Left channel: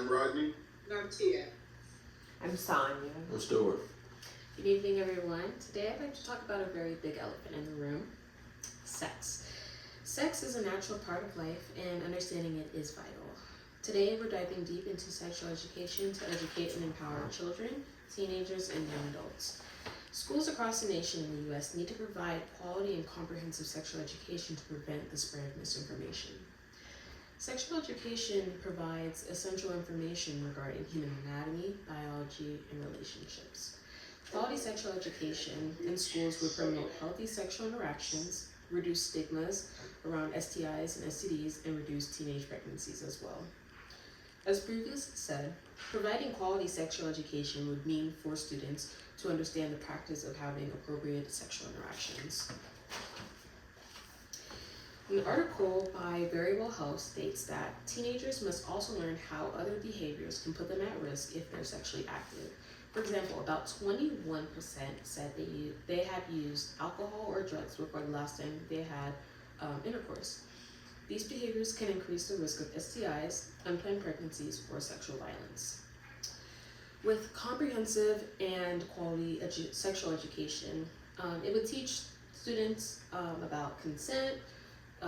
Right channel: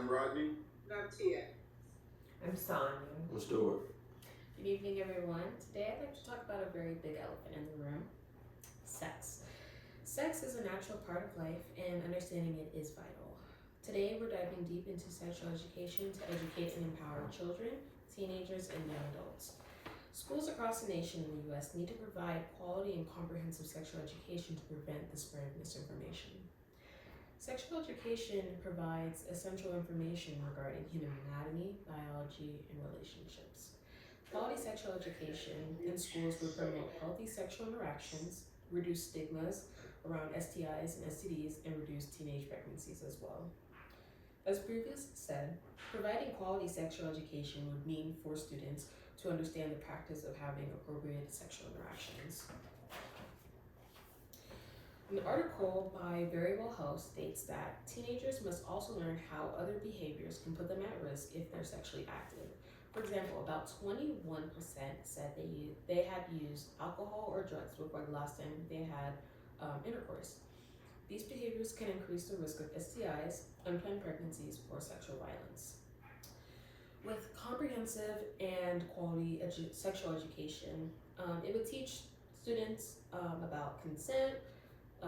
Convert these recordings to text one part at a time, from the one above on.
I'm Rodney. And I'm Tia. I'm Sonia. I'm Stuart. Good evening, everyone. Today I'd like to talk about a very big elephant in the room, sex. Sex is a natural part of life, and understanding it is vital. Today we're diving deep into sexual education to educate and empower children, teenagers, and young adults. Schools across the nation in the U.S. need to provide quality and comprehensive sexual education to prevent the spread of misinformation. Sexual education provides essential information regarding human anatomy, biology, and relationships. Quality sexual education in schools would promote healthy sexual interactions, reduce stigmas around STIs and STDs, and reduce teenage pregnancies as well. As previously said, providing quality sexual education would mean for students to understand the practice of having appropriate sexual interactions. An article by Very Well Health states that teenagers must also learn how other behaviors can put them at risk if they're sexually active. For example, about 21% said they had used alcohol or drugs before the last time they had intercourse. These behaviors can increase the risk of STIs, unplanned pregnancies, or sexual violence. With comprehensive and quality sexual education, it would teach students about consent,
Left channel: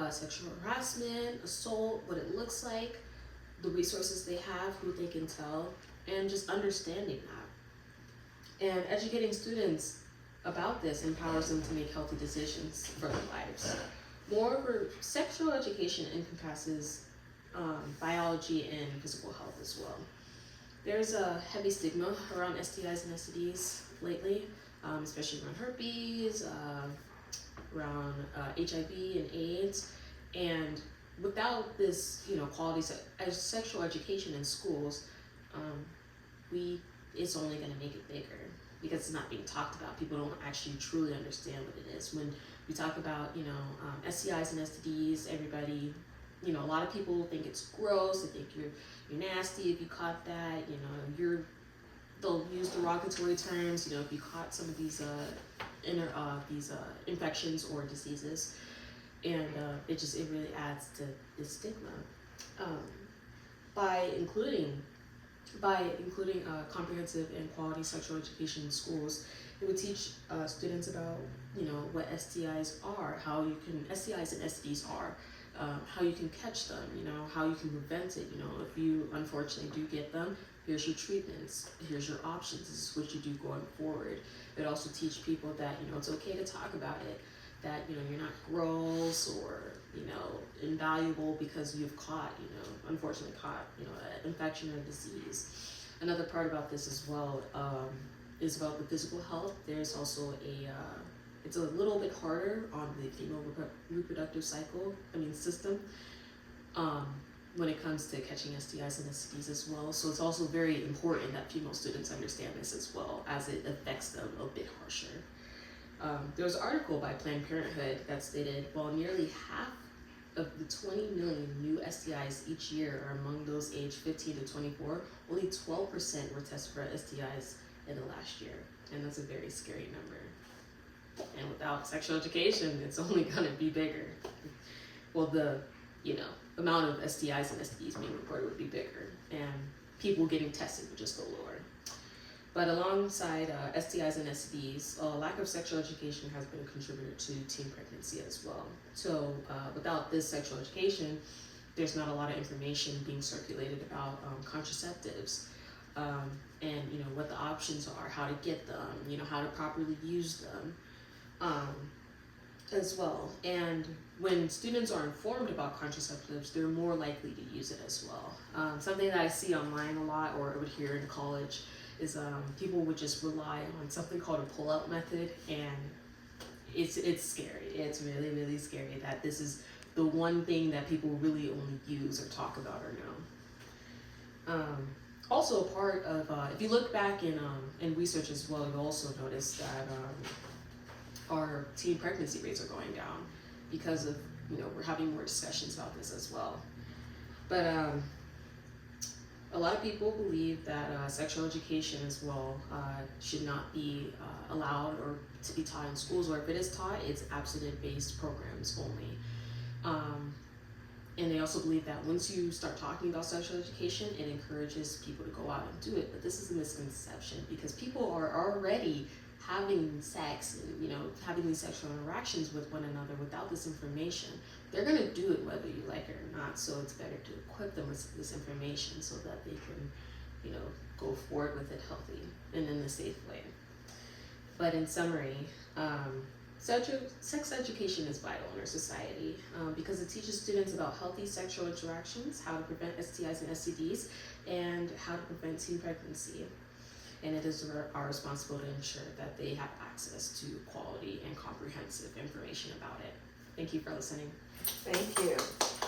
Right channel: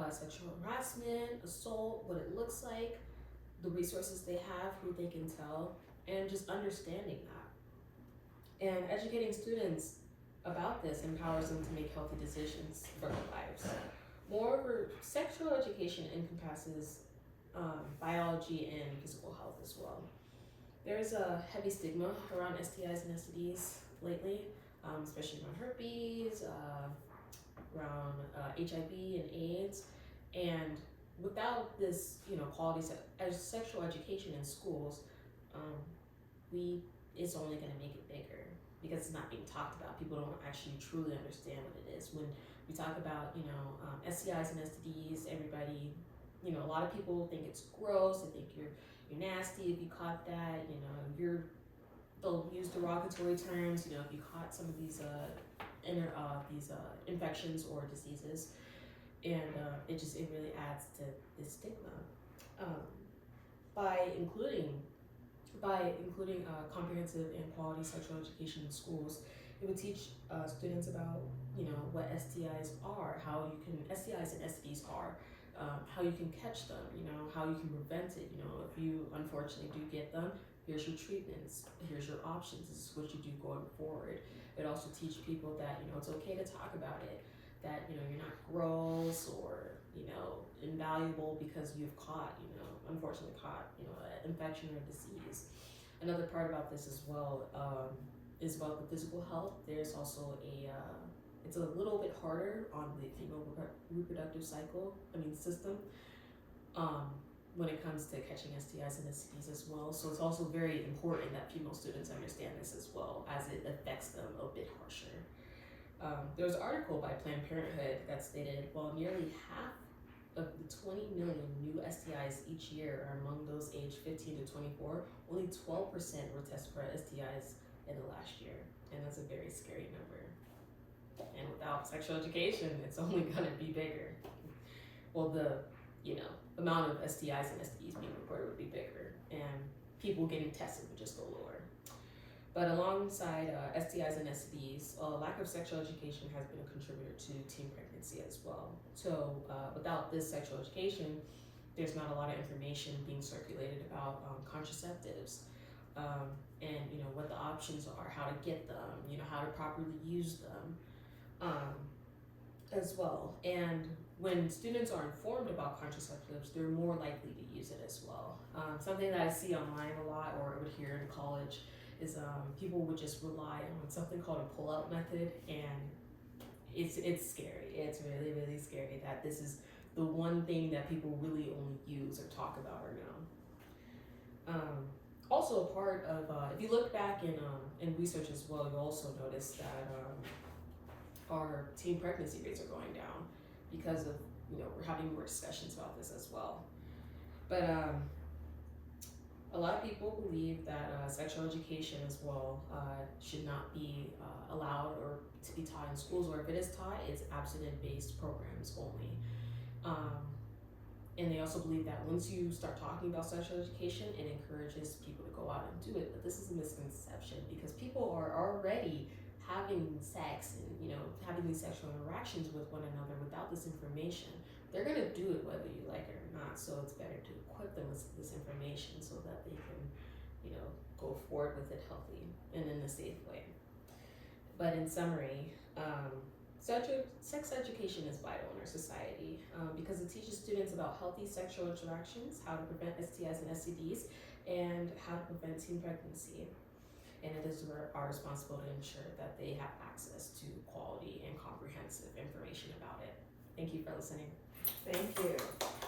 sexual harassment, assault, what it looks like, the resources they have, who they can tell, and just understanding that. And educating students about this empowers them to make healthy decisions for their lives. Moreover, sexual education encompasses biology and physical health as well. There's a heavy stigma around STIs and STDs lately, especially around herpes, around HIV and AIDS, and without this, quality sexual education in schools, it's only going to make it bigger because it's not being talked about. People don't actually truly understand what it is. When we talk about, STIs and STDs, everybody, a lot of people will think it's gross. They think you're nasty if you caught that. They'll use derogatory terms. If you caught some of these infections or diseases, and it really adds to the stigma. By including comprehensive and quality sexual education in schools, it would teach students about what STIs are, STIs and STDs are, how you can catch them, how you can prevent it. If you unfortunately do get them, here's your treatments, here's your options, this is what you do going forward. It also teach people that it's okay to talk about it, that you're not gross or invaluable because you've unfortunately caught an infection or disease. Another part about this as well is about the physical health. There's also it's a little bit harder on the female reproductive system when it comes to catching STIs and STDs as well. So it's also very important that female students understand this as well, as it affects them a bit harsher. There was an article by Planned Parenthood that stated, while nearly half of the 20 million new STIs each year are among those aged 15 to 24, only 12% were tested for STIs in the last year. And that's a very scary number. And without sexual education, it's only gonna be bigger. Well, the amount of STIs and STDs being reported would be bigger, and people getting tested would just go lower. But alongside STIs and STDs, lack of sexual education has been a contributor to teen pregnancy as well. So without this sexual education, there's not a lot of information being circulated about contraceptives, and what the options are, how to get them, how to properly use them, as well. And when students are informed about contraceptives, they're more likely to use it as well. Something that I see online a lot, or I would hear in college, is people would just rely on something called a pull-out method, and it's scary. It's really, really scary that this is the one thing that people really only use or talk about or know. Also, a part of if you look back in research as well, you'll also notice that our teen pregnancy rates are going down because of we're having more discussions about this as well. But a lot of people believe that sexual education as well should not be allowed or to be taught in schools, or if it is taught, it's abstinence-based programs only. And they also believe that once you start talking about sexual education, it encourages people to go out and do it. But this is a misconception because people are already having sex and, you know, having these sexual interactions with one another without this information. They're gonna do it whether you like it or not. So it's better to equip them with this information so that they can, you know, go forward with it healthy and in a safe way. But in summary, sex education is vital in our society because it teaches students about healthy sexual interactions, how to prevent STIs and STDs, and how to prevent teen pregnancy. And it is our responsibility to ensure that they have access to quality and comprehensive information about it. Thank you for listening. Thank you.